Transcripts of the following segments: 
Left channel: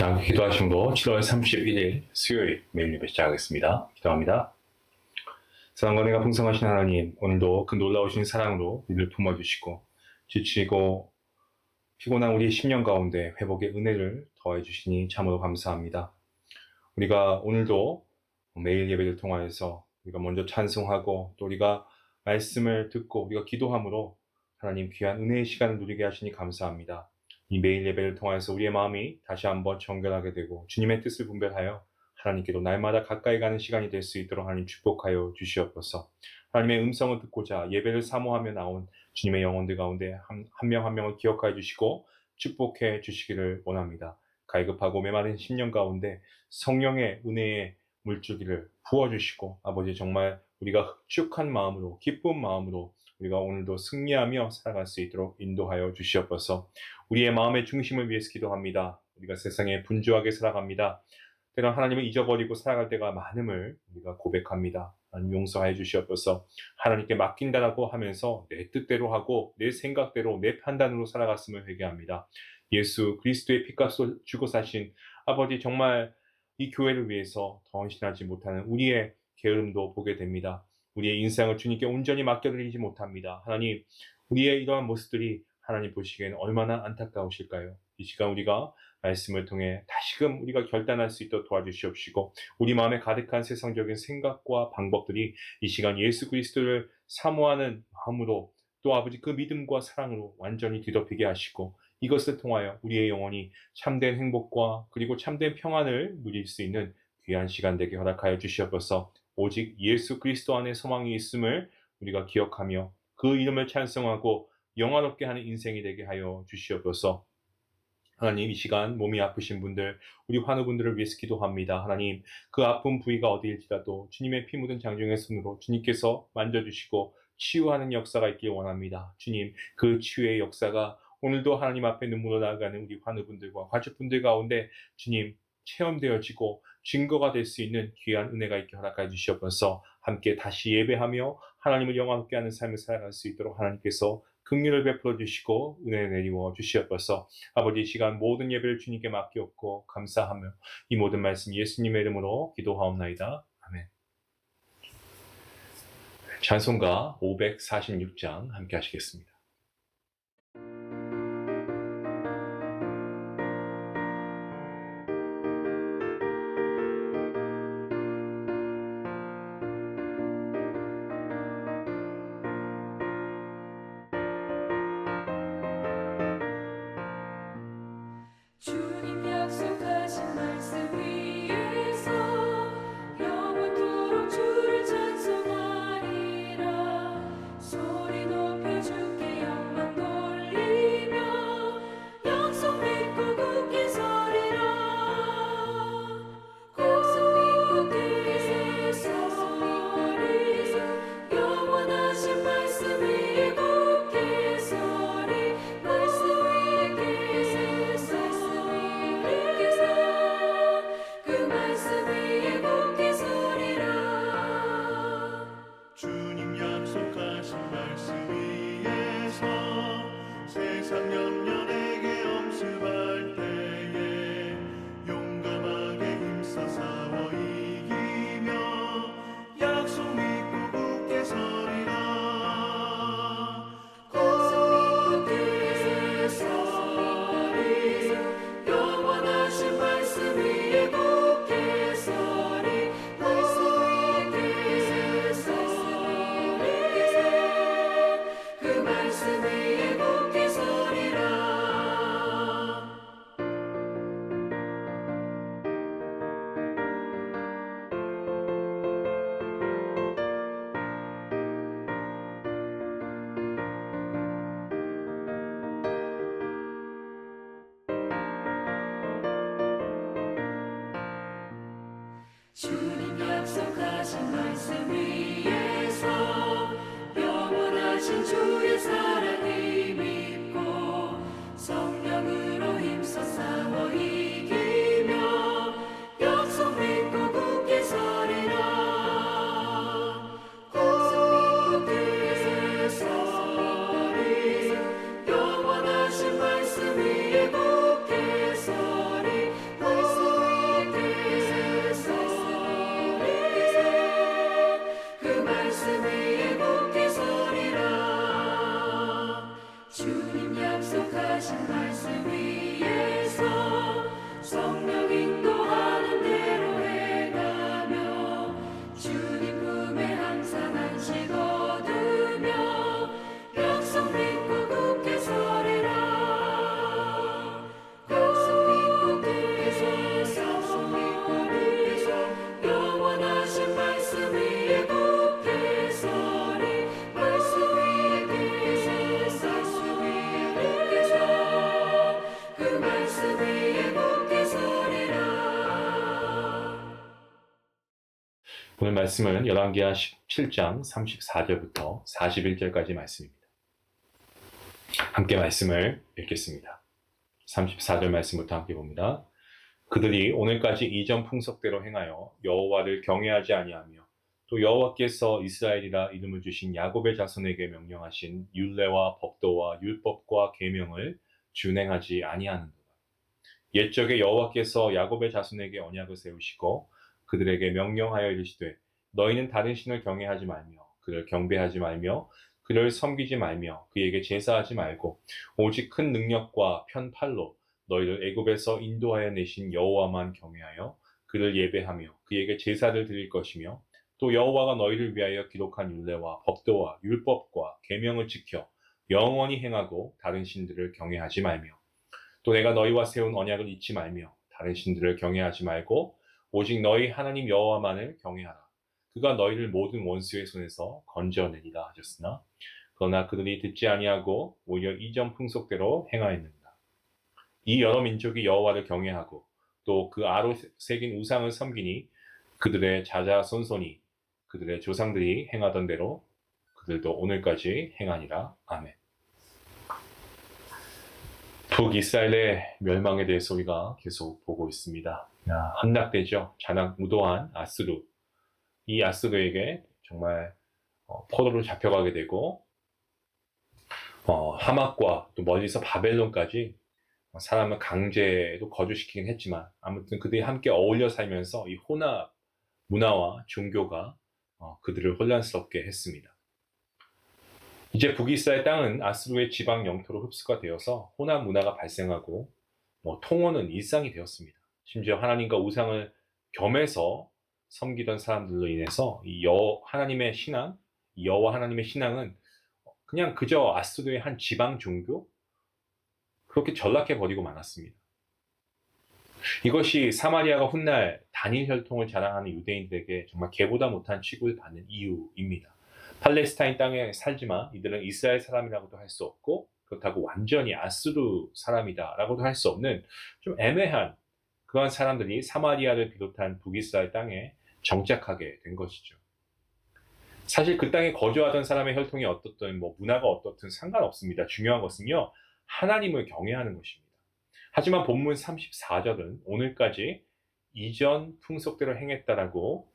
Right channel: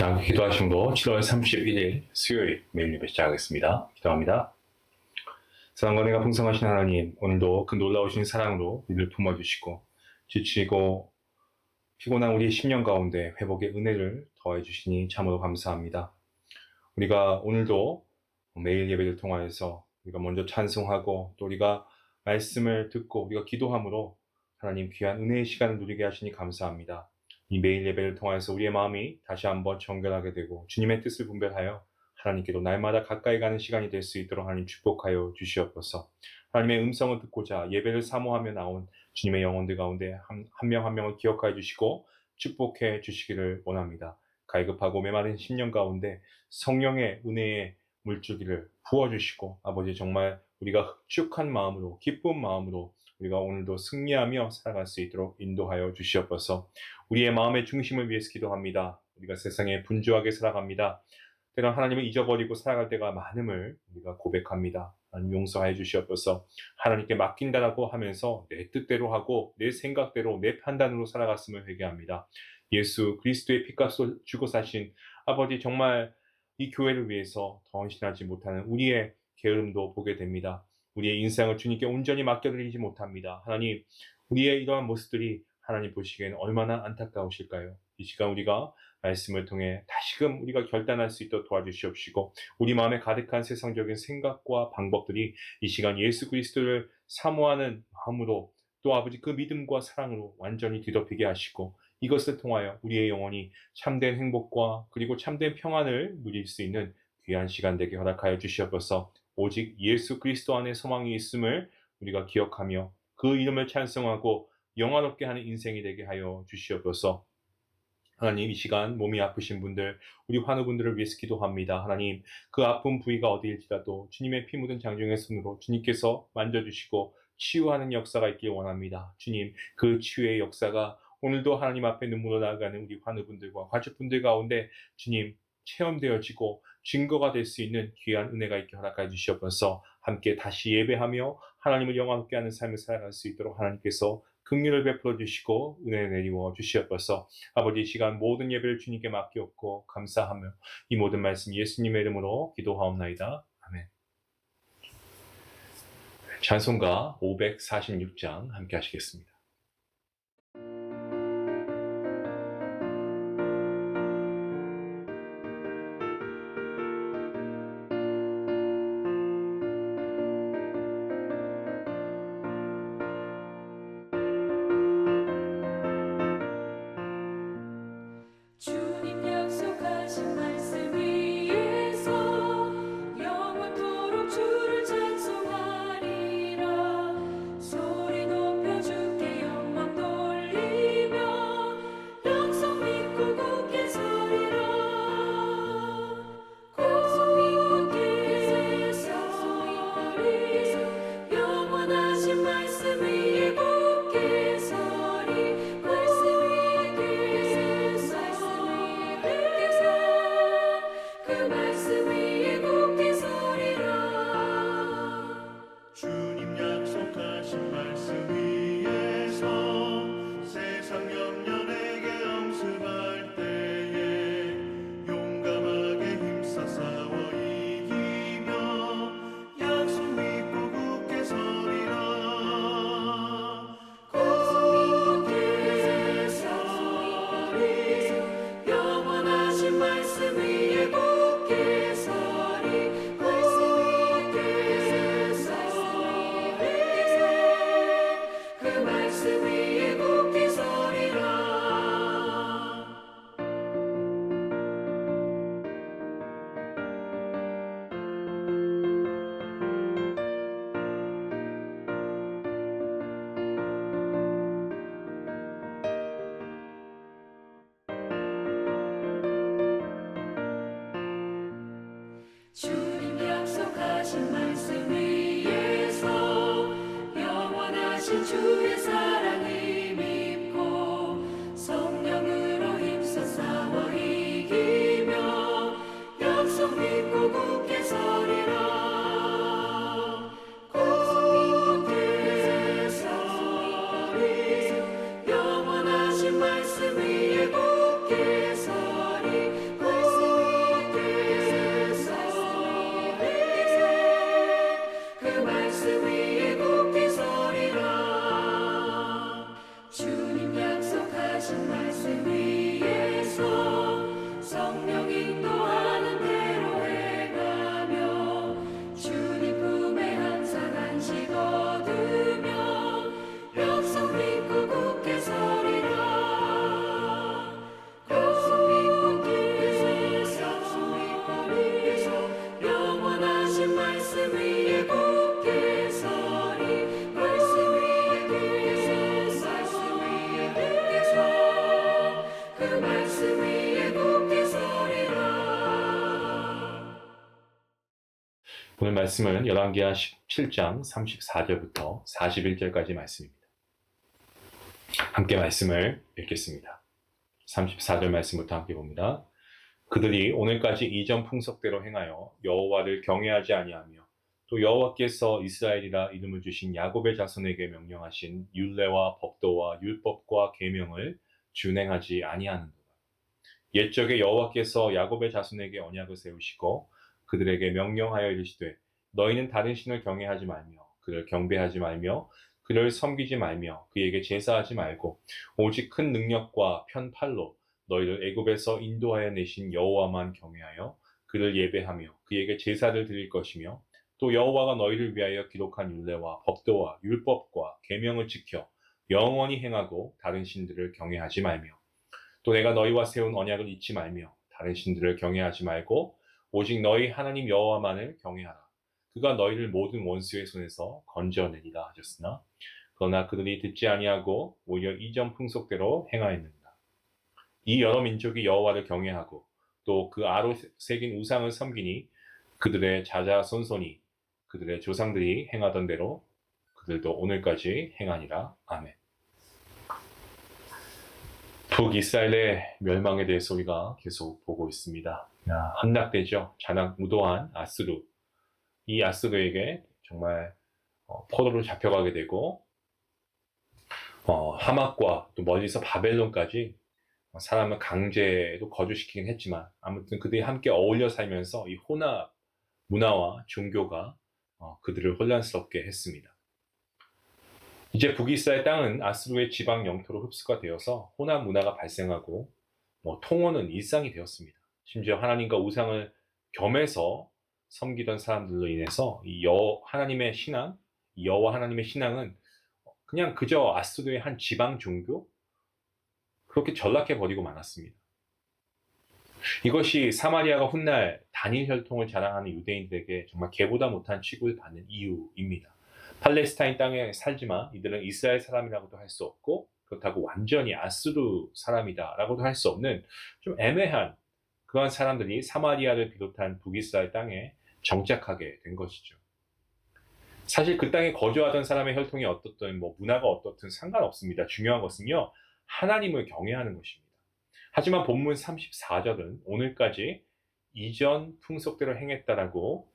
자, 기도하심으로 7월 31일 수요일 매일 예배 시작하겠습니다. 기도합니다. 사랑과 은혜가 풍성하신 하나님, 오늘도 그 놀라우신 사랑으로 우리를 품어주시고 지치고 피곤한 우리의 심령 가운데 회복의 은혜를 더해 주시니 참으로 감사합니다. 우리가 오늘도 매일 예배를 통하여서 우리가 먼저 찬송하고 또 우리가 말씀을 듣고 우리가 기도함으로 하나님 귀한 은혜의 시간을 누리게 하시니 감사합니다. 이 매일 예배를 통해서 우리의 마음이 다시 한번 정결하게 되고 주님의 뜻을 분별하여 하나님께로 날마다 가까이 가는 시간이 될 수 있도록 하나님 축복하여 주시옵소서. 하나님의 음성을 듣고자 예배를 사모하며 나온 주님의 영혼들 가운데 한 명 한 명을 기억하여 주시고 축복해 주시기를 원합니다. 갈급하고 메마른 심령 가운데 성령의 은혜의 물줄기를 부어주시고 아버지 정말 우리가 흡축한 마음으로 기쁜 마음으로 우리가 오늘도 승리하며 살아갈 수 있도록 인도하여 주시옵소서. 우리의 마음의 중심을 위해서 기도합니다. 우리가 세상에 분주하게 살아갑니다. 때론 하나님을 잊어버리고 살아갈 때가 많음을 우리가 고백합니다. 하나님 용서해 주시옵소서. 하나님께 맡긴다라고 하면서 내 뜻대로 하고 내 생각대로 내 판단으로 살아갔음을 회개합니다. 예수 그리스도의 피값을 주고 사신 아버지 정말 이 교회를 위해서 더 헌신하지 못하는 우리의 게으름도 보게 됩니다. 우리의 인생을 주님께 온전히 맡겨드리지 못합니다. 하나님, 우리의 이러한 모습들이 하나님 보시기에는 얼마나 안타까우실까요? 이 시간 우리가 말씀을 통해 다시금 우리가 결단할 수 있도록 도와주시옵시고 우리 마음에 가득한 세상적인 생각과 방법들이 이 시간 예수 그리스도를 사모하는 마음으로 또 아버지 그 믿음과 사랑으로 완전히 뒤덮이게 하시고 이것을 통하여 우리의 영혼이 참된 행복과 그리고 참된 평안을 누릴 수 있는 귀한 시간 되게 허락하여 주시옵소서. 오직 예수 그리스도 안에 소망이 있음을 우리가 기억하며 그 이름을 찬송하고 영화롭게 하는 인생이 되게 하여 주시옵소서. 하나님 이 시간 몸이 아프신 분들 우리 환우분들을 위해서 기도합니다. 하나님 그 아픈 부위가 어디일지라도 주님의 피 묻은 장중의 손으로 주님께서 만져주시고 치유하는 역사가 있길 원합니다. 주님 그 치유의 역사가 오늘도 하나님 앞에 눈물로 나아가는 우리 환우분들과 가족분들 가운데 주님 체험되어지고 증거가 될 수 있는 귀한 은혜가 있게 허락해 주시옵소서. 함께 다시 예배하며 하나님을 영화롭게 하는 삶을 살아갈 수 있도록 하나님께서 긍휼을 베풀어 주시고 은혜 내리워 주시옵소서. 아버지 이 시간 모든 예배를 주님께 맡기옵고 감사하며 이 모든 말씀 예수님의 이름으로 기도하옵나이다. 아멘. 찬송가 546장 함께 하시겠습니다. 주님 약속하신 말씀 위에서 영원토록 주를 찬송하리라. 소리 높여 주께 영광 돌리며 약속 믿고 굳게 서리라. 약속 믿고 굳게 서리. 영원하신 말씀 위에 굳게 서리. 말씀 위에 그 말씀 위에 굳게 서리라. 주님 약속하신 말씀 위에서 세상 염려 내게 엄습할 때에 용감하게 힘써 싸워 이기며 약속 믿고 굳게 서리라. 굳게 서리. 영원하신 말씀 위에 굳게 서리. 말씀 위에 서리. 그 말씀 위에 굳게 서리라. 주님 약속하신 말씀 위에서 영원하신 주의 사랑을 믿고 성령으로 힘써 싸워 이기며 약속 믿고 굳게 서리라. 굳게 서리. 영원하신 말씀 위에 굳게 서리. 계서리 말씀 위에 서리 그 말씀 위에 굳게 서리라 주님 약속하신 말씀 위에서 성령 인도하는 대로 행하며 주님 품에 항상 안식 얻으며 약속 믿고 굳게 서리라 약속 믿고 굳게 서리 영원하신 말씀 위에 굳게 서리 말씀 위에 굳게 서 그 말씀 위에 굳게 서리라 오늘 말씀은 열왕기하 17장 34절부터 41절까지 말씀입니다. 함께 말씀을 읽겠습니다. 34절 말씀부터 함께 봅니다. 그들이 오늘까지 이전 풍속대로 행하여 여호와를 경외하지 아니하며 또 여호와께서 이스라엘이라 이름을 주신 야곱의 자손에게 명령하신 율례와 법도와 율법과 계명을 준행하지 아니하는도다. 옛적에 여호와께서 야곱의 자손에게 언약을 세우시고 그들에게 명령하여 이르시되 너희는 다른 신을 경외하지 말며 그를 경배하지 말며 그를 섬기지 말며 그에게 제사하지 말고 오직 큰 능력과 편팔로 너희를 애굽에서 인도하여 내신 여호와만 경외하여 그를 예배하며 그에게 제사를 드릴 것이며 또 여호와가 너희를 위하여 기록한 율례와 법도와 율법과 계명을 지켜 영원히 행하고 다른 신들을 경외하지 말며 또 내가 너희와 세운 언약을 잊지 말며 다른 신들을 경외하지 말고 오직 너희 하나님 여호와만을 경외하라. 그가 너희를 모든 원수의 손에서 건져내리라 하셨으나 그러나 그들이 듣지 아니하고 오히려 이전 풍속대로 행하였느니라. 이 여러 민족이 여호와를 경외하고 또 그 아로 새긴 우상을 섬기니 그들의 자자손손이 그들의 조상들이 행하던 대로 그들도 오늘까지 행하니라. 아멘. 북이스라엘의 멸망에 대해서 우리가 계속 보고 있습니다. 함락되죠. 잔악무도한 아스루. 이 아스루에게 정말 포로로 잡혀가게 되고 하맛과 또 멀리서 바벨론까지 사람을 강제로 거주시키긴 했지만 아무튼 그들이 함께 어울려 살면서 이 혼합 문화와 종교가 그들을 혼란스럽게 했습니다. 이제 북이스라엘 땅은 아스루의 지방 영토로 흡수가 되어서 혼합 문화가 발생하고 통혼은 일상이 되었습니다. 심지어 하나님과 우상을 겸해서 섬기던 사람들로 인해서 이 하나님의 신앙, 이 여호와 하나님의 신앙은 그냥 그저 아스루의 한 지방 종교? 그렇게 전락해 버리고 말았습니다. 이것이 사마리아가 훗날 단일 혈통을 자랑하는 유대인들에게 정말 개보다 못한 취급을 받는 이유입니다. 팔레스타인 땅에 살지만 이들은 이스라엘 사람이라고도 할 수 없고 그렇다고 완전히 아스루 사람이다라고도 할 수 없는 좀 애매한 그러한 사람들이 사마리아를 비롯한 북이스라엘 땅에 정착하게 된 것이죠. 사실 그 땅에 거주하던 사람의 혈통이 어떻든 문화가 어떻든 상관없습니다. 중요한 것은요, 하나님을 경외하는 것입니다. 하지만 본문 34절은 오늘까지 이전 풍속대로 행했다라고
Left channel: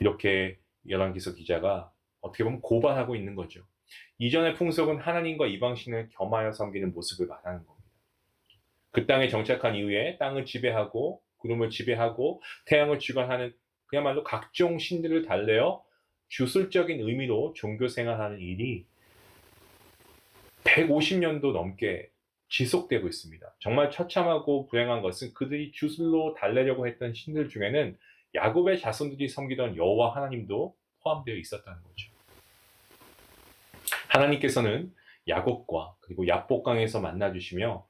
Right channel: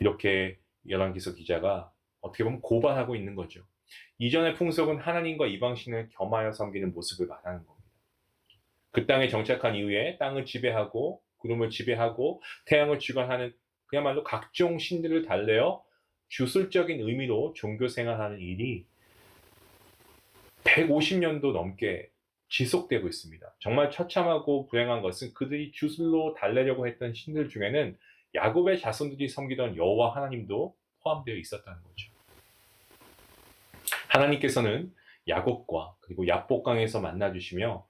이렇게 열왕기서 기자가 어떻게 보면 고발하고 있는 거죠. 이전의 풍속은 하나님과 이방신을 겸하여 섬기는 모습을 말하는 겁니다. 그 땅에 정착한 이후에 땅을 지배하고 구름을 지배하고 태양을 주관하는 그야말로 각종 신들을 달래어 주술적인 의미로 종교 생활하는 일이 150년도 넘게 지속되고 있습니다. 정말 처참하고 불행한 것은 그들이 주술로 달래려고 했던 신들 중에는 야곱의 자손들이 섬기던 여호와 하나님도 포함되어 있었다는 거죠. 하나님께서는 야곱과 그리고 야복강에서 만나주시며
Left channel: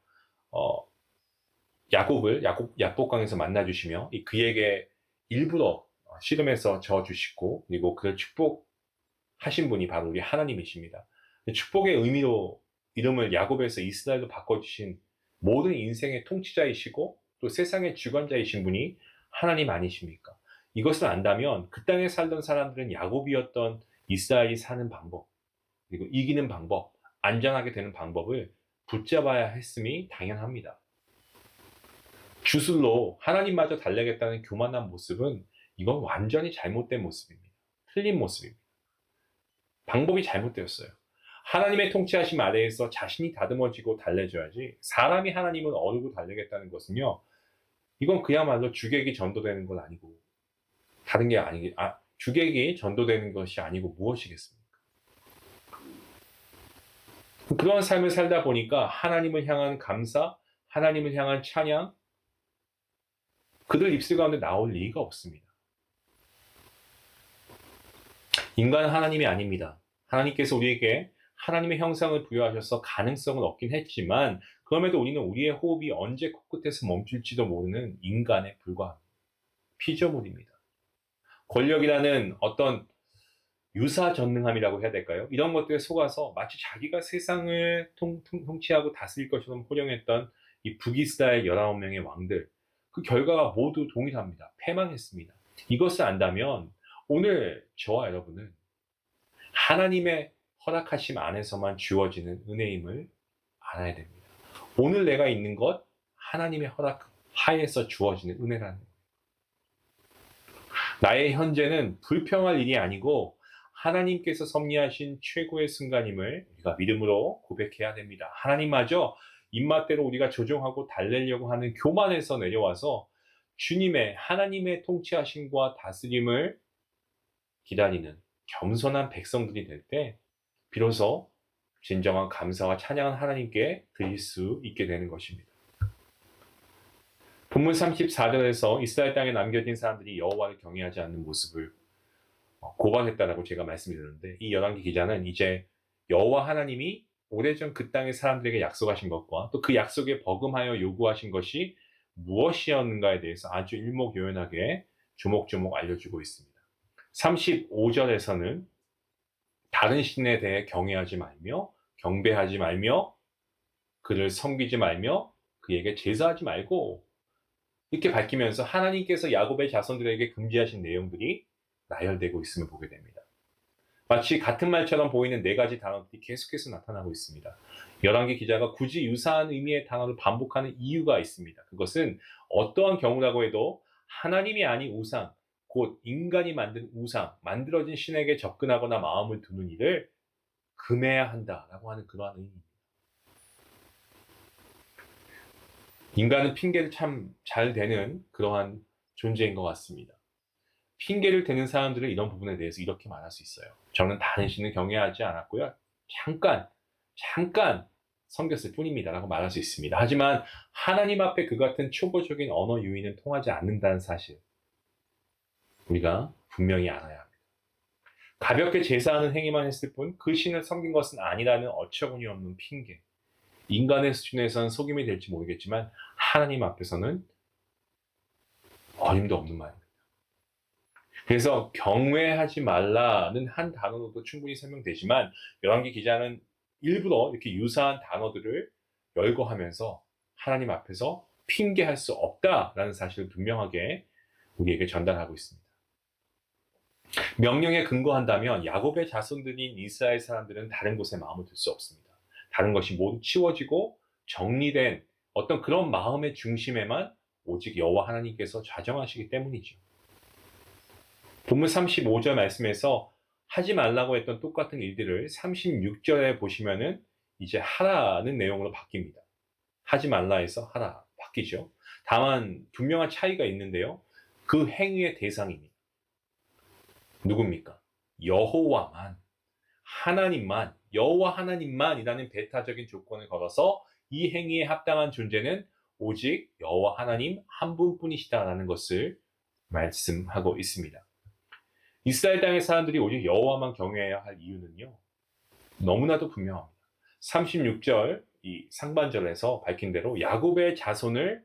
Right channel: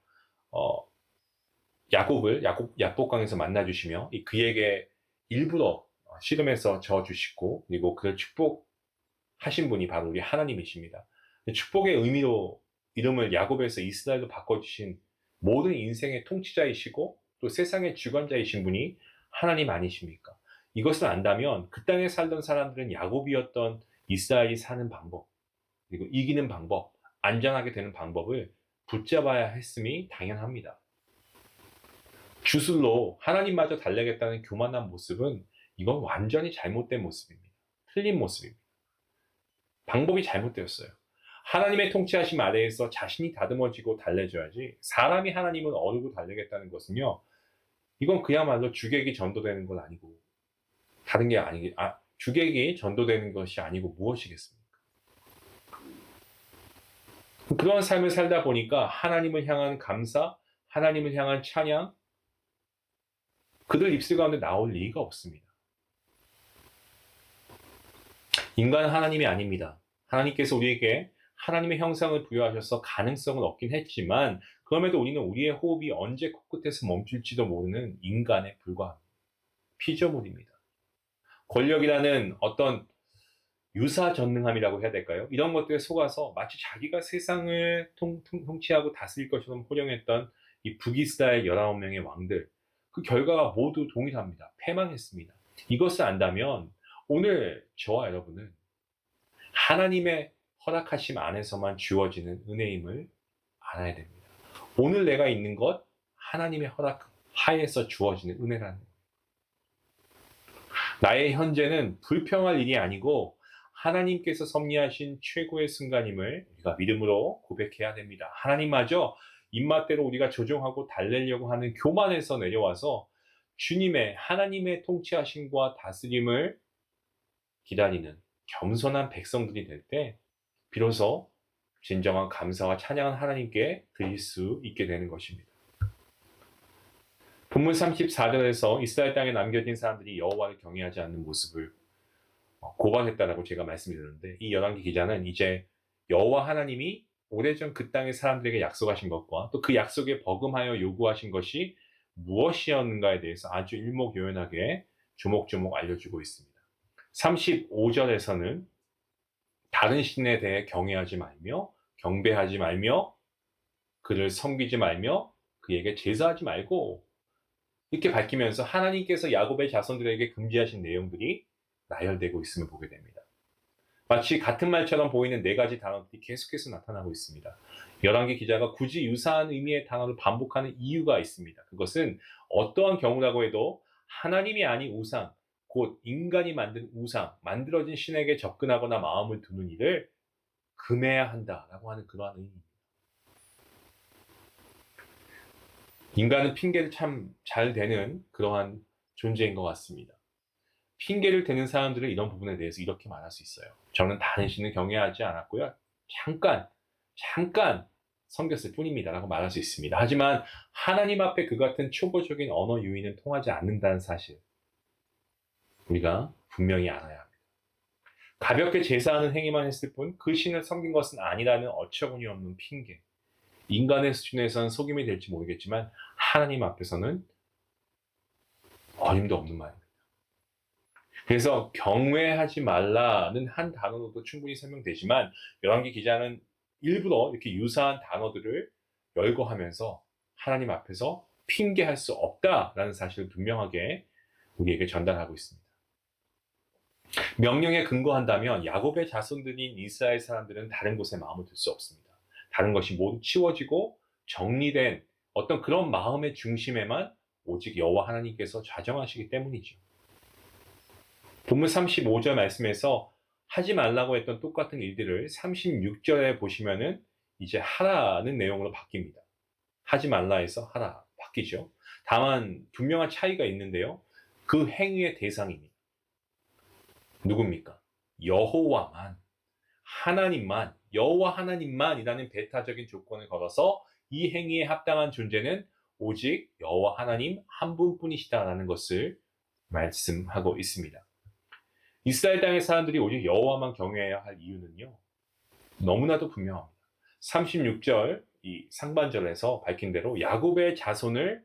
야곱을 야복강에서 만나주시며 그에게 일부러 씨름해서 저어주시고 그리고 그를 축복하신 분이 바로 우리 하나님이십니다. 축복의 의미로 이름을 야곱에서 이스라엘로 바꿔주신 모든 인생의 통치자이시고 또 세상의 주관자이신 분이 하나님 아니십니까? 이것을 안다면 그 땅에 살던 사람들은 야곱이었던 이스라엘이 사는 방법 그리고 이기는 방법, 안전하게 되는 방법을 붙잡아야 했음이 당연합니다. 주술로 하나님마저 달래겠다는 교만한 모습은 이건 완전히 잘못된 모습입니다. 틀린 모습입니다. 방법이 잘못되었어요. 하나님의 통치하심 아래에서 자신이 다듬어지고 달래줘야지 사람이 하나님을 어르고 달래겠다는 것은요, 이건 그야말로 주객이 전도되는 건 아니고 다른 게 아니기 주객이 전도되는 것이 아니고 무엇이겠습니까? 그런 삶을 살다 보니까 하나님을 향한 감사, 하나님을 향한 찬양, 그들 입술 가운데 나올 리가 없습니다. 인간은 하나님이 아닙니다. 하나님께서 우리에게 하나님의 형상을 부여하셔서 가능성을 얻긴 했지만 그럼에도 우리는 우리의 호흡이 언제 코끝에서 멈출지도 모르는 인간에 불과합니다. 피조물입니다. 권력이라는 어떤 유사전능함이라고 해야 될까요? 이런 것들에 속아서 마치 자기가 세상을 통치하고 다스릴 것처럼 호령했던 이 북이스라엘 19명의 왕들, 그 결과가 모두 동일합니다. 패망했습니다. 이것을 안다면 오늘 저와 여러분은 하나님의 허락하심 안에서만 주어지는 은혜임을 알아야 됩니다. 오늘 내가 있는 것 하나님의 허락 하에서 주어지는 은혜라는 거예요. 나의 현재는 불평할 일이 아니고 하나님께서 섭리하신 최고의 순간임을 우리가 믿음으로 고백해야 됩니다. 하나님마저 입맛대로 우리가 조종하고 달래려고 하는 교만에서 내려와서 주님의 하나님의 통치하심과 다스림을 기다리는 겸손한 백성들이 될 때 비로소 진정한 감사와 찬양은 하나님께 드릴 수 있게 되는 것입니다. 본문 34절에서 이스라엘 땅에 남겨진 사람들이 여호와를 경외하지 않는 모습을 고발했다라고 제가 말씀드렸는데, 이 열왕기 기자는 이제 여호와 하나님이 오래전 그 땅의 사람들에게 약속하신 것과 또 그 약속에 버금하여 요구하신 것이 무엇이었는가에 대해서 아주 일목요연하게 조목조목 알려주고 있습니다. 35절에서는 다른 신에 대해 경외하지 말며 경배하지 말며 그를 섬기지 말며 그에게 제사하지 말고 이렇게 밝히면서 하나님께서 야곱의 자손들에게 금지하신 내용들이 나열되고 있음을 보게 됩니다. 마치 같은 말처럼 보이는 네 가지 단어들이 계속해서 나타나고 있습니다. 열왕기 기자가 굳이 유사한 의미의 단어를 반복하는 이유가 있습니다. 그것은 어떠한 경우라고 해도 하나님이 아닌 우상, 곧 인간이 만든 우상, 만들어진 신에게 접근하거나 마음을 두는 일을 금해야 한다라고 하는 그러한 의미입니다. 인간은 핑계를 참 잘 대는 그러한 존재인 것 같습니다. 핑계를 대는 사람들은 이런 부분에 대해서 이렇게 말할 수 있어요. 저는 다른 신을 경외하지 않았고요. 잠깐 섬겼을 뿐입니다. 라고 말할 수 있습니다. 하지만 하나님 앞에 그 같은 초보적인 언어 유희는 통하지 않는다는 사실, 우리가 분명히 알아야 합니다. 가볍게 제사하는 행위만 했을 뿐 그 신을 섬긴 것은 아니라는 어처구니 없는 핑계. 인간의 수준에서는 속임이 될지 모르겠지만 하나님 앞에서는 어림도 없는 말입니다. 그래서 경외하지 말라는 한 단어로도 충분히 설명되지만 열왕기 기자는 일부러 이렇게 유사한 단어들을 열거하면서 하나님 앞에서 핑계할 수 없다라는 사실을 분명하게 우리에게 전달하고 있습니다. 명령에 근거한다면 야곱의 자손들인 이스라엘 사람들은 다른 곳에 마음을 둘 수 없습니다. 다른 것이 모두 치워지고 정리된 어떤 그런 마음의 중심에만 오직 여호와 하나님께서 좌정하시기 때문이죠. 본문 35절 말씀에서 하지 말라고 했던 똑같은 일들을 36절에 보시면은 이제 하라는 내용으로 바뀝니다. 하지 말라에서 하라 바뀌죠. 다만 분명한 차이가 있는데요. 그 행위의 대상입니다. 누굽니까? 여호와만, 하나님만, 여호와 하나님만이라는 배타적인 조건을 걸어서 이 행위에 합당한 존재는 오직 여호와 하나님 한 분뿐이시다라는 것을 말씀하고 있습니다. 이스라엘 땅의 사람들이 오직 여호와만 경외해야 할 이유는요, 너무나도 분명합니다. 36절 이 상반절에서 밝힌 대로 야곱의 자손을,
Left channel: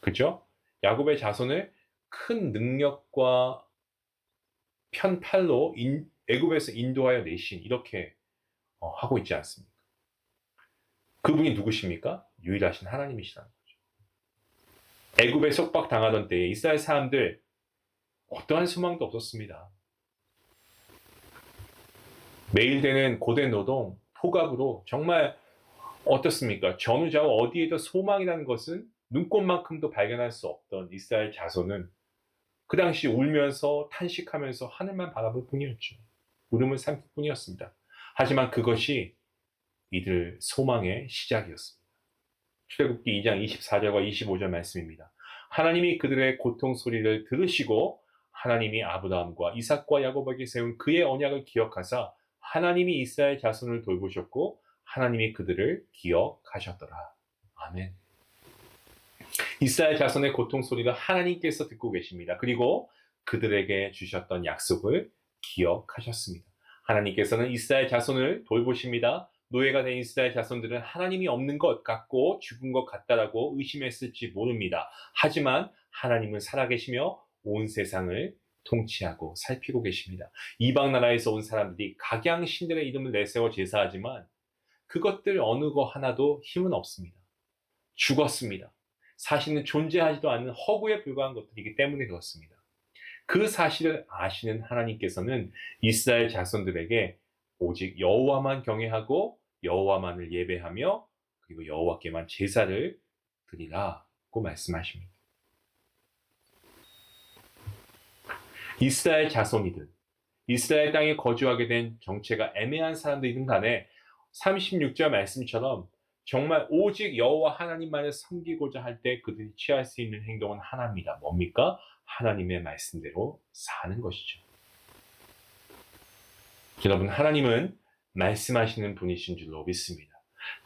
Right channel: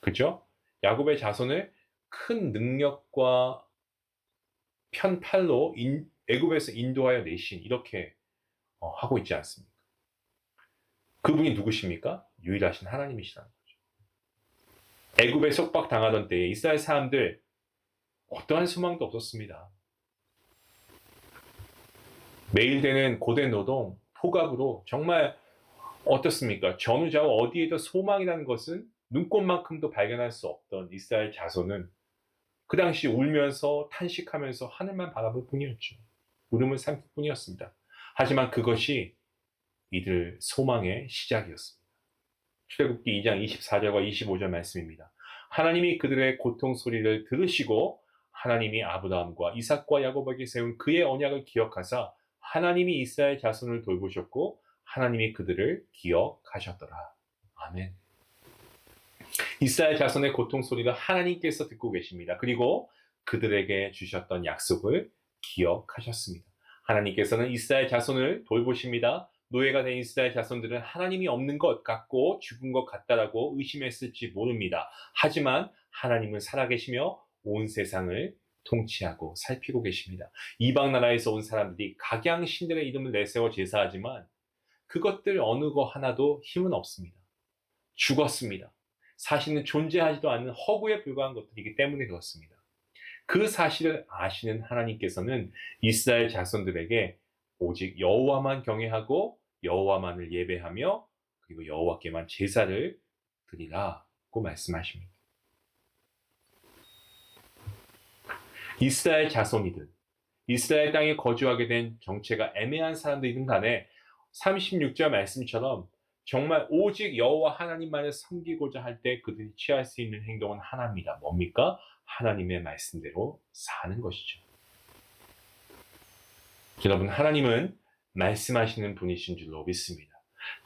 그죠? 야곱의 자손을 큰 능력과 편팔로 애굽에서 인도하여 내신, 이렇게 하고 있지 않습니까? 그분이 누구십니까? 유일하신 하나님이시라는 거죠. 애굽에 속박당하던 때에 이스라엘 사람들 어떠한 소망도 없었습니다. 매일 되는 고된 노동, 폭압으로 정말 어떻습니까? 전후좌우 어디에도 소망이라는 것은 눈꽃만큼도 발견할 수 없던 이스라엘 자손은 그 당시 울면서 탄식하면서 하늘만 바라볼 뿐이었죠. 울음을 삼킬 뿐이었습니다. 하지만 그것이 이들 소망의 시작이었습니다. 출애굽기 2장 24절과 25절 말씀입니다. 하나님이 그들의 고통 소리를 들으시고 하나님이 아브라함과 이삭과 야곱에게 세운 그의 언약을 기억하사 하나님이 이스라엘 자손을 돌보셨고 하나님이 그들을 기억하셨더라. 아멘. 이스라엘 자손의 고통 소리를 하나님께서 듣고 계십니다. 그리고 그들에게 주셨던 약속을 기억하셨습니다. 하나님께서는 이스라엘 자손을 돌보십니다. 노예가 된 이스라엘 자손들은 하나님이 없는 것 같고 죽은 것 같다라고 의심했을지 모릅니다. 하지만 하나님은 살아계시며 온 세상을 통치하고 살피고 계십니다. 이방 나라에서 온 사람들이 각양 신들의 이름을 내세워 제사하지만 그것들 어느 거 하나도 힘은 없습니다. 죽었습니다. 사실은 존재하지도 않는 허구에 불과한 것들이기 때문에 그렇습니다. 그 사실을 아시는 하나님께서는 이스라엘 자손들에게 오직 여호와만 경외하고 여호와만을 예배하며 그리고 여호와께만 제사를 드리라고 말씀하십니다. 이스라엘 자손이든 이스라엘 땅에 거주하게 된 정체가 애매한 사람들이든 간에 36절 말씀처럼 정말 오직 여호와 하나님만을 섬기고자 할 때 그들이 취할 수 있는 행동은 하나입니다. 뭡니까? 하나님의 말씀대로 사는 것이죠. 여러분, 하나님은 말씀하시는 분이신 줄로 믿습니다.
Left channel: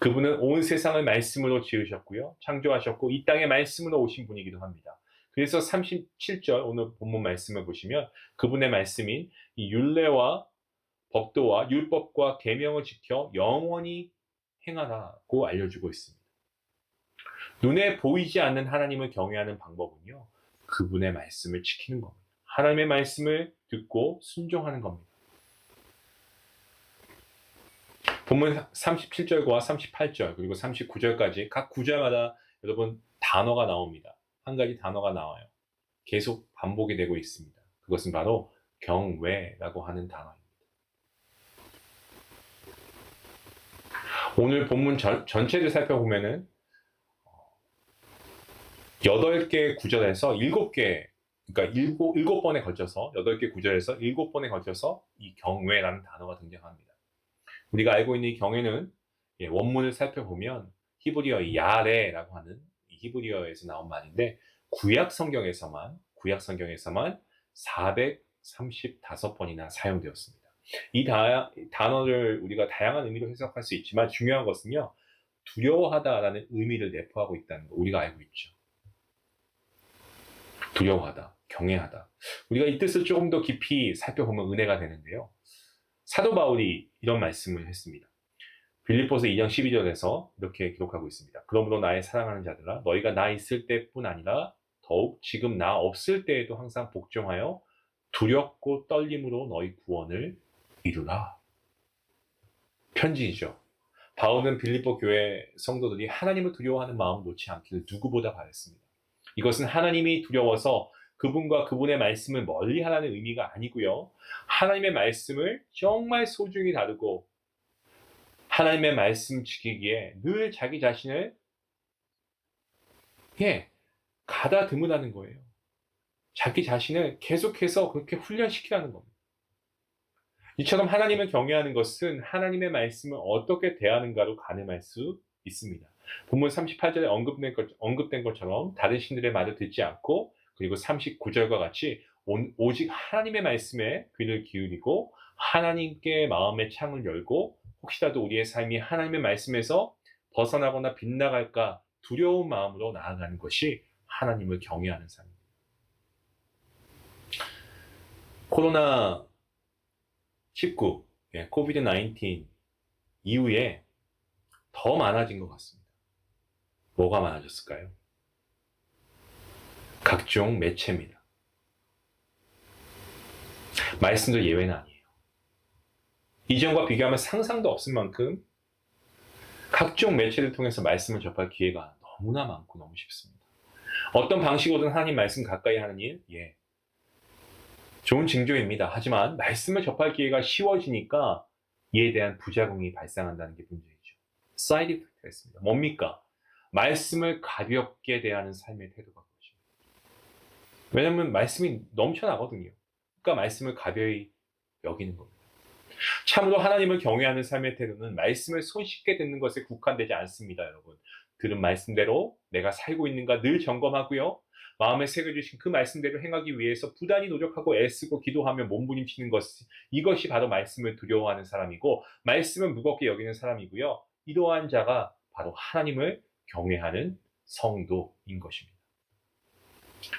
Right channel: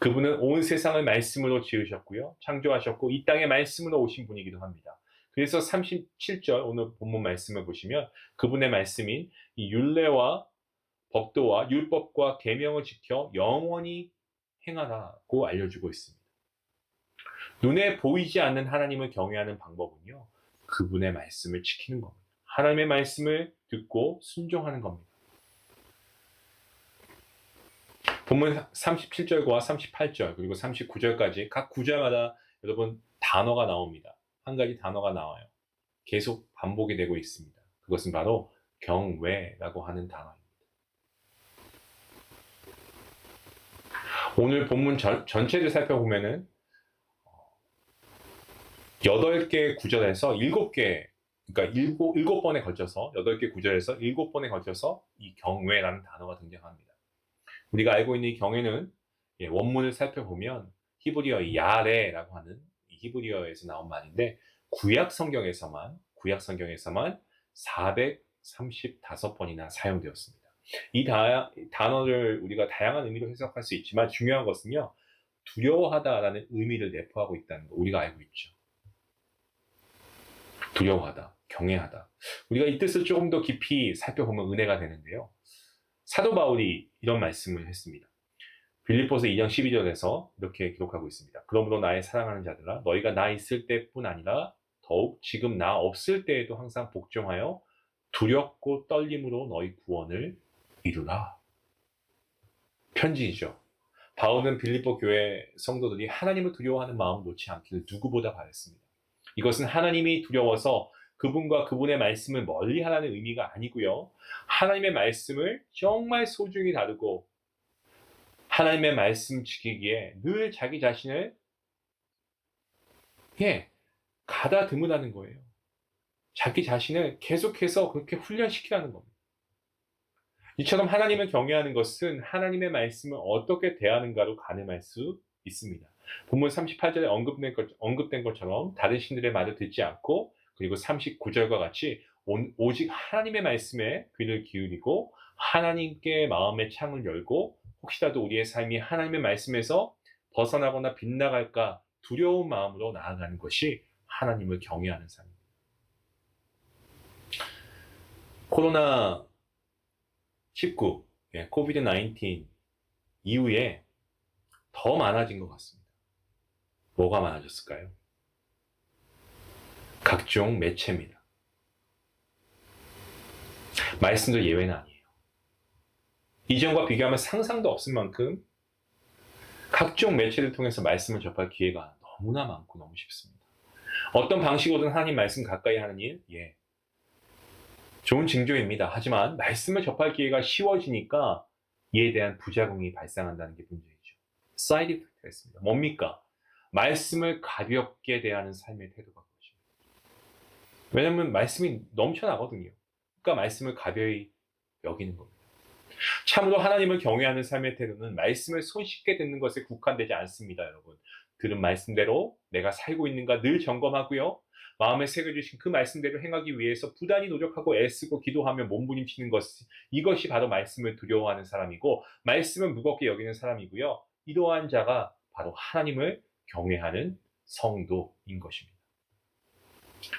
그분은 온 세상을 말씀으로 지으셨고요. 창조하셨고 이 땅에 말씀으로 오신 분이기도 합니다. 그래서 37절 오늘 본문 말씀을 보시면 그분의 말씀인 이 율례와 법도와 율법과 계명을 지켜 영원히 행하라고 알려주고 있습니다. 눈에 보이지 않는 하나님을 경외하는 방법은요. 그분의 말씀을 지키는 겁니다. 하나님의 말씀을 듣고 순종하는 겁니다. 본문 37절과 38절 그리고 39절까지 각 구절마다 여러분 단어가 나옵니다. 한 가지 단어가 나와요. 계속 반복이 되고 있습니다. 그것은 바로 경외라고 하는 단어입니다. 오늘 본문 전체를 살펴보면은 8개 구절에서 7개, 그러니까 7번에 걸쳐서 8개 구절에서 7번에 걸쳐서 이 경외라는 단어가 등장합니다. 우리가 알고 있는 이 경외는 원문을 살펴보면 히브리어 야레라고 하는 이 히브리어에서 나온 말인데 구약 성경에서만 435번이나 사용되었습니다. 이 단어를 우리가 다양한 의미로 해석할 수 있지만 중요한 것은요. 두려워하다라는 의미를 내포하고 있다는 거 우리가 알고 있죠. 두려워하다, 경외하다. 우리가 이 뜻을 조금 더 깊이 살펴보면 은혜가 되는데요. 사도 바울이 이런 말씀을 했습니다. 빌립보서 2장 12절에서 이렇게 기록하고 있습니다. 그러므로 나의 사랑하는 자들아 너희가 나 있을 때뿐 아니라 더욱 지금 나 없을 때에도 항상 복종하여 두렵고 떨림으로 너희 구원을 이루라. 편지이죠. 바울은 빌립보 교회 성도들이 하나님을 두려워하는 마음을 놓지 않기를 누구보다 바랬습니다. 이것은 하나님이 두려워서 그분과 그분의 말씀을 멀리하라는 의미가 아니고요. 하나님의 말씀을 정말 소중히 다루고 하나님의 말씀 지키기에 늘 자기 자신을 가다듬으라는 거예요. 자기 자신을 계속해서 그렇게 훈련시키라는 겁니다. 이처럼 하나님을 경외하는 것은 하나님의 말씀을 어떻게 대하는가로 가늠할 수 있습니다. 본문 38절에 언급된 것처럼 다른 신들의 말을 듣지 않고 그리고 39절과 같이 오직 하나님의 말씀에 귀를 기울이고 하나님께 마음의 창을 열고 혹시라도 우리의 삶이 하나님의 말씀에서 벗어나거나 빗나갈까 두려운 마음으로 나아가는 것이 하나님을 경외하는 삶입니다. 코로나19, 코비드-19 이후에 더 많아진 것 같습니다. 뭐가 많아졌을까요? 각종 매체입니다. 말씀도 예외는 아니에요. 이전과 비교하면 상상도 없을 만큼 각종 매체를 통해서 말씀을 접할 기회가 너무나 많고 너무 쉽습니다. 어떤 방식으로든 하나님 말씀 가까이 하는 일, 좋은 징조입니다. 하지만 말씀을 접할 기회가 쉬워지니까 이에 대한 부작용이 발생한다는 게 문제이죠. 사이드 이펙트가 있습니다. 뭡니까? 말씀을 가볍게 대하는 삶의 태도가 그것입니다. 왜냐하면 말씀이 넘쳐나거든요. 그러니까 말씀을 가벼이 여기는 겁니다. 참으로 하나님을 경외하는 삶의 태도는 말씀을 손쉽게 듣는 것에 국한되지 않습니다, 여러분. 들은 말씀대로 내가 살고 있는가 늘 점검하고요. 마음에 새겨주신 그 말씀대로 행하기 위해서 부단히 노력하고 애쓰고 기도하며 몸부림치는 것, 이것이 바로 말씀을 두려워하는 사람이고 말씀을 무겁게 여기는 사람이고요. 이러한 자가 바로 하나님을 경외하는 성도인 것입니다.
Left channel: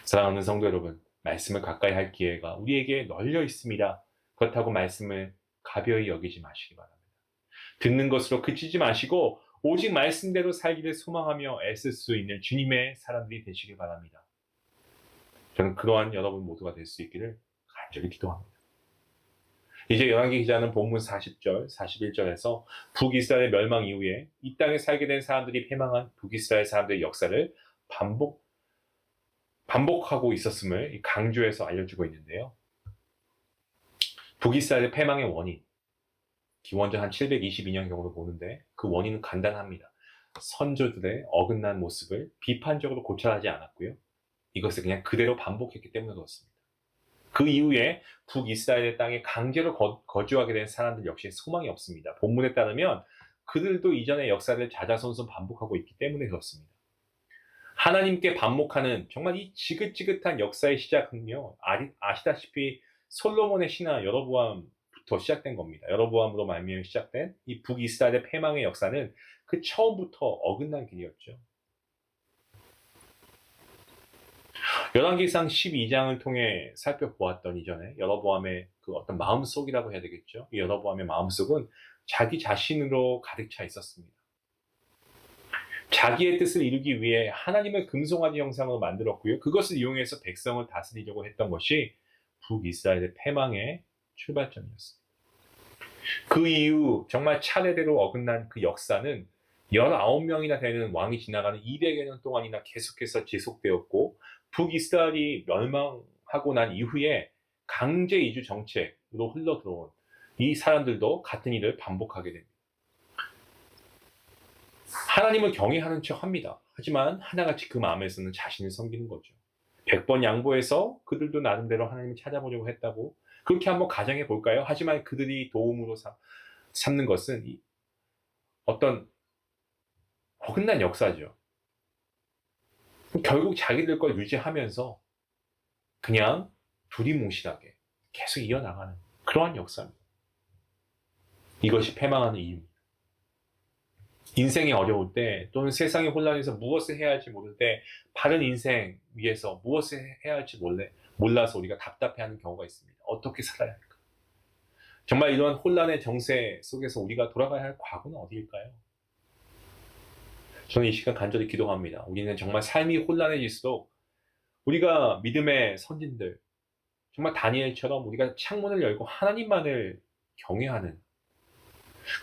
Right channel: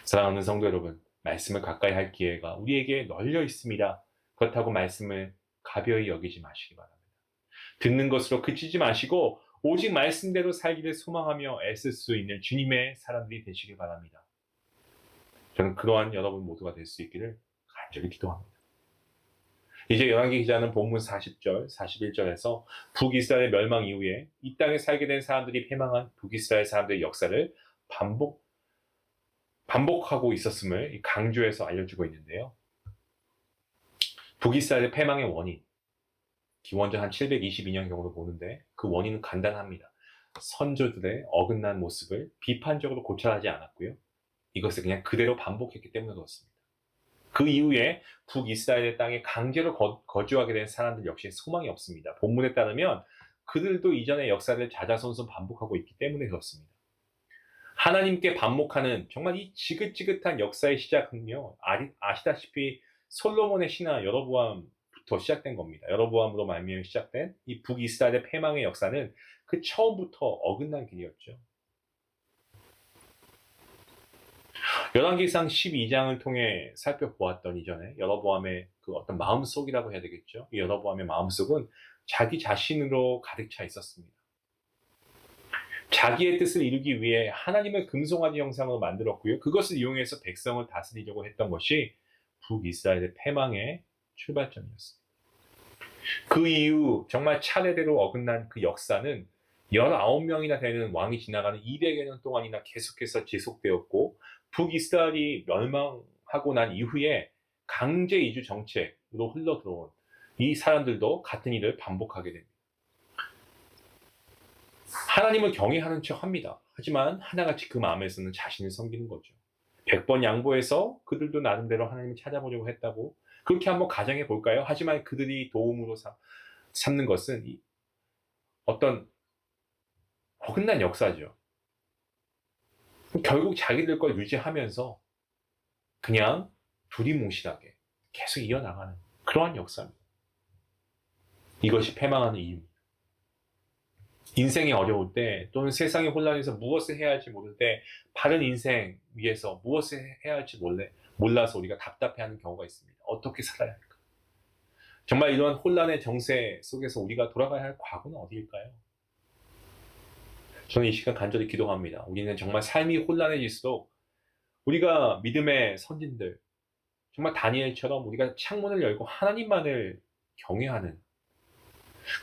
사랑하는 성도 여러분, 말씀을 가까이 할 기회가 우리에게 널려 있습니다. 그렇다고 말씀을 가벼이 여기지 마시기 바랍니다. 듣는 것으로 그치지 마시고 오직 말씀대로 살기를 소망하며 애쓸 수 있는 주님의 사람들이 되시길 바랍니다. 저는 그러한 여러분 모두가 될 수 있기를 간절히 기도합니다. 이제 열왕기 기자는 본문 40절, 41절에서 북이스라엘 멸망 이후에 이 땅에 살게 된 사람들이 패망한 북이스라엘 사람들의 역사를 반복하고 있었음을 강조해서 알려주고 있는데요. 북이스라엘의 패망의 원인, 기원전 한 722년경으로 보는데 그 원인은 간단합니다. 선조들의 어긋난 모습을 비판적으로 고찰하지 않았고요. 이것을 그냥 그대로 반복했기 때문에 그렇습니다. 그 이후에 북이스라엘의 땅에 강제로 거주하게 된 사람들 역시 소망이 없습니다. 본문에 따르면 그들도 이전의 역사를 자자손손 반복하고 있기 때문에 그렇습니다. 하나님께 반목하는 정말 이 지긋지긋한 역사의 시작은요, 아시다시피 솔로몬의 신하 여로보암부터 시작된 겁니다. 여로보암으로 말미암아 시작된 이 북이스라엘의 패망의 역사는 그 처음부터 어긋난 길이었죠. 열왕기상 12장을 통해 살펴보았던 이전에 여로보암의 그 어떤 마음속이라고 해야 되겠죠. 이 여로보암의 마음속은 자기 자신으로 가득 차 있었습니다. 자기의 뜻을 이루기 위해 하나님을 금송아지 형상으로 만들었고요. 그것을 이용해서 백성을 다스리려고 했던 것이 북이스라엘의 패망의 출발점이었습니다. 그 이후 정말 차례대로 어긋난 그 역사는 19명이나 되는 왕이 지나가는 200여 년 동안이나 계속해서 지속되었고 북이스라엘이 멸망하고 난 이후에 강제 이주 정책으로 흘러들어온 이 사람들도 같은 일을 반복하게 됩니다. 하나님을 경외하는 척 합니다. 하지만 하나같이 그 마음에서는 자신을 섬기는 거죠. 100번 양보해서 그들도 나름대로 하나님을 찾아보려고 했다고 그렇게 한번 가정해 볼까요? 하지만 그들이 도움으로 삼는 것은 어떤 어긋난 역사죠. 결국 자기들 걸 유지하면서 그냥 두리뭉실하게 계속 이어나가는 그러한 역사입니다. 이것이 패망하는 이유입니다. 인생이 어려울 때 또는 세상의 혼란에서 무엇을 해야 할지 모를 때 바른 인생 위해서 무엇을 해야 할지 몰라서 우리가 답답해하는 경우가 있습니다. 어떻게 살아야 할까? 정말 이런 혼란의 정세 속에서 우리가 돌아가야 할 과거는 어디일까요? 저는 이 시간 간절히 기도합니다. 우리는 정말 삶이 혼란해질수록 우리가 믿음의 선진들, 정말 다니엘처럼 우리가 창문을 열고 하나님만을 경외하는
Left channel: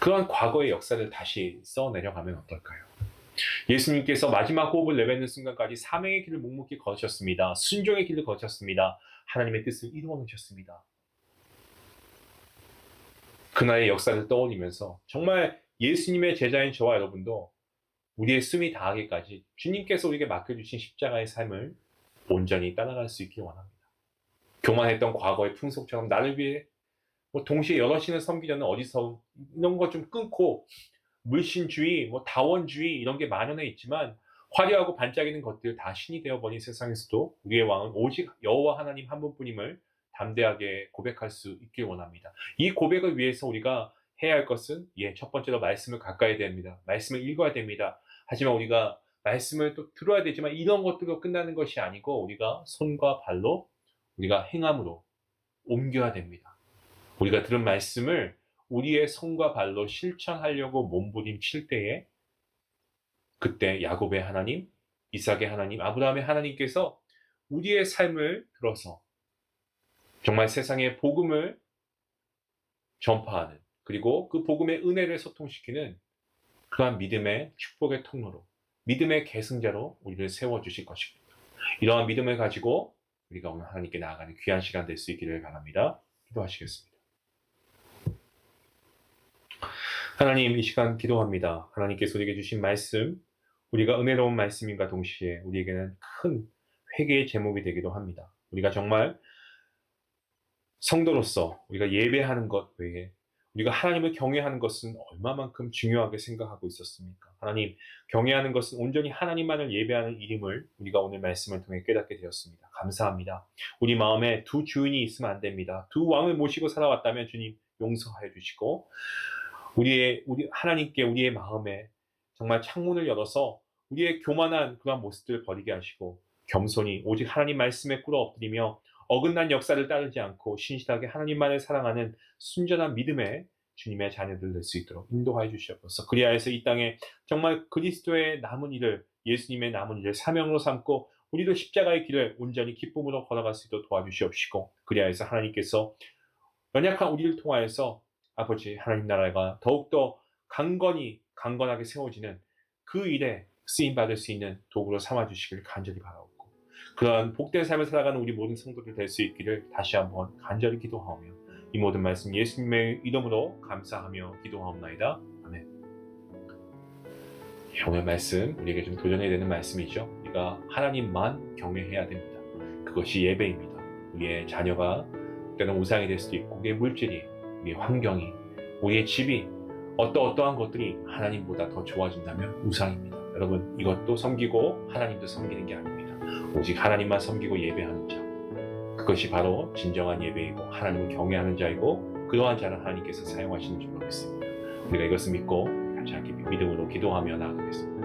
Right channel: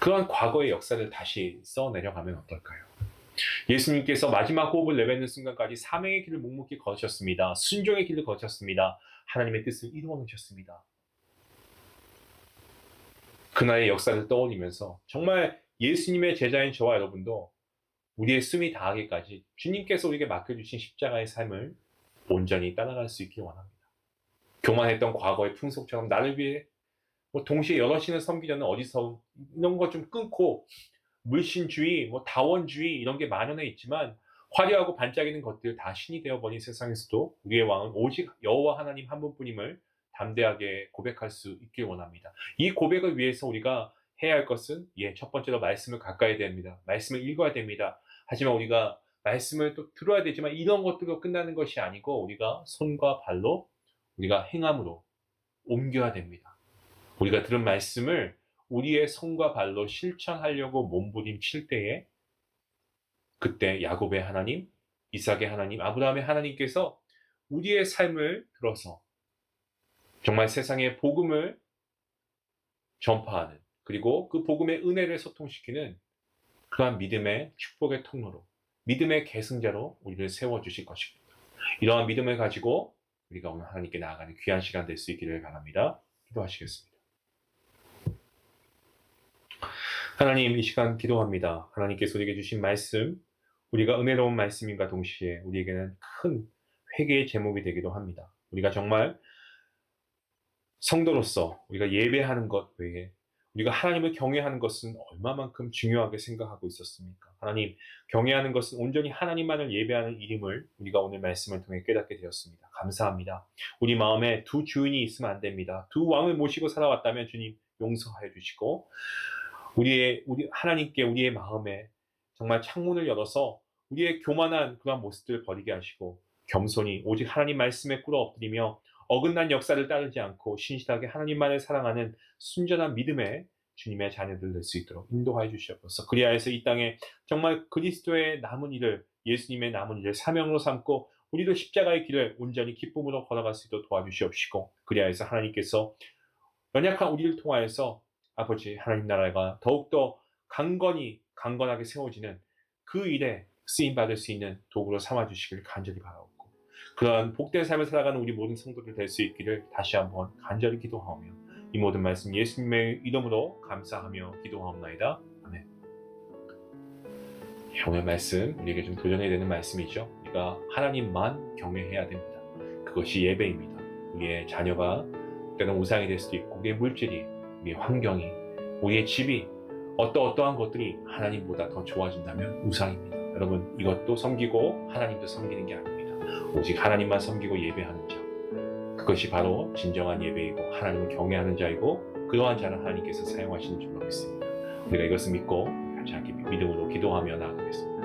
그러한 과거의 역사를 다시 써내려가면 어떨까요? 예수님께서 마지막 호흡을 내뱉는 순간까지 사명의 길을 묵묵히 걸으셨습니다. 순종의 길을 걸으셨습니다. 하나님의 뜻을 이루어 놓으셨습니다. 그날의 역사를 떠올리면서 정말 예수님의 제자인 저와 여러분도 우리의 숨이 다하기까지 주님께서 우리에게 맡겨주신 십자가의 삶을 온전히 따라갈 수 있길 원합니다. 교만했던 과거의 풍속처럼 나를 위해 동시에 여러 신을 섬기려는 어디서 이런 거 좀 끊고 물신주의, 다원주의 이런 게 만연해 있지만 화려하고 반짝이는 것들 다 신이 되어버린 세상에서도 우리의 왕은 오직 여호와 하나님 한 분뿐임을 담대하게 고백할 수 있길 원합니다. 이 고백을 위해서 우리가 해야 할 것은 첫 번째로 말씀을 가까이 됩니다. 말씀을 읽어야 됩니다. 하지만 우리가 말씀을 또 들어야 되지만 이런 것들로 끝나는 것이 아니고 우리가 손과 발로 우리가 행함으로 옮겨야 됩니다. 우리가 들은 말씀을 우리의 손과 발로 실천하려고 몸부림칠 때에 그때 야곱의 하나님, 이삭의 하나님, 아브라함의 하나님께서 우리의 삶을 들어서 정말 세상에 복음을 전파하는 그리고 그 복음의 은혜를 소통시키는 그러한 믿음의 축복의 통로로 믿음의 계승자로 우리를 세워주실 것입니다. 이러한 믿음을 가지고 우리가 오늘 하나님께 나아가는 귀한 시간 될 수 있기를 바랍니다. 기도하시겠습니다. 하나님, 이 시간 기도합니다. 하나님께서 우리에게 주신 말씀, 우리가 은혜로운 말씀인가 동시에 우리에게는 큰 회개의 제목이 되기도 합니다. 우리가 정말 성도로서 우리가 예배하는 것 외에 우리가 하나님을 경외하는 것은 얼마만큼 중요하게 생각하고 있었습니까? 하나님, 경외하는 것은 온전히 하나님만을 예배하는 일임을 우리가 오늘 말씀을 통해 깨닫게 되었습니다. 감사합니다. 우리 마음에 두 주인이 있으면 안 됩니다. 두 왕을 모시고 살아왔다면 주님 용서하여 주시고 우리 하나님께 우리의 마음에 정말 창문을 열어서 우리의 교만한 그런 모습들을 버리게 하시고 겸손히 오직 하나님 말씀에 꿇어 엎드리며 어긋난 역사를 따르지 않고 신실하게 하나님만을 사랑하는 순전한 믿음의 주님의 자녀들 될 수 있도록 인도하여 주시옵소서. 그리하여서 이 땅에 정말 그리스도의 남은 일을, 예수님의 남은 일을 사명으로 삼고 우리도 십자가의 길을 온전히 기쁨으로 걸어갈 수 있도록 도와주시옵시고, 그리하여서 하나님께서 연약한 우리를 통하여서 아버지 하나님 나라가 더욱더 강건하게 세워지는 그 일에 쓰임받을 수 있는 도구로 삼아주시길 간절히 바라옵고, 그러한 복된 삶을 살아가는 우리 모든 성도들 될 수 있기를 다시 한번 간절히 기도하오며 이 모든 말씀 예수님의 이름으로 감사하며 기도하옵나이다. 아멘. 오늘 말씀 우리에게 좀 도전해야 되는 말씀이죠. 우리가 하나님만 경외해야 됩니다. 그것이 예배입니다. 우리의 자녀가 때는 우상이 될 수도 있고, 우리의 물질이, 우리의 환경이, 우리의 집이, 어떠한 것들이 하나님보다 더 좋아진다면 우상입니다. 여러분, 이것도 섬기고 하나님도 섬기는 게 아닙니다. 오직 하나님만 섬기고 예배하는 자, 그것이 바로 진정한 예배이고 하나님을 경외하는 자이고, 그러한 자를 하나님께서 사용하시는 줄로 믿습니다. 우리가 이것을 믿고 같이 함께 믿음으로 기도하며 나아가겠습니다.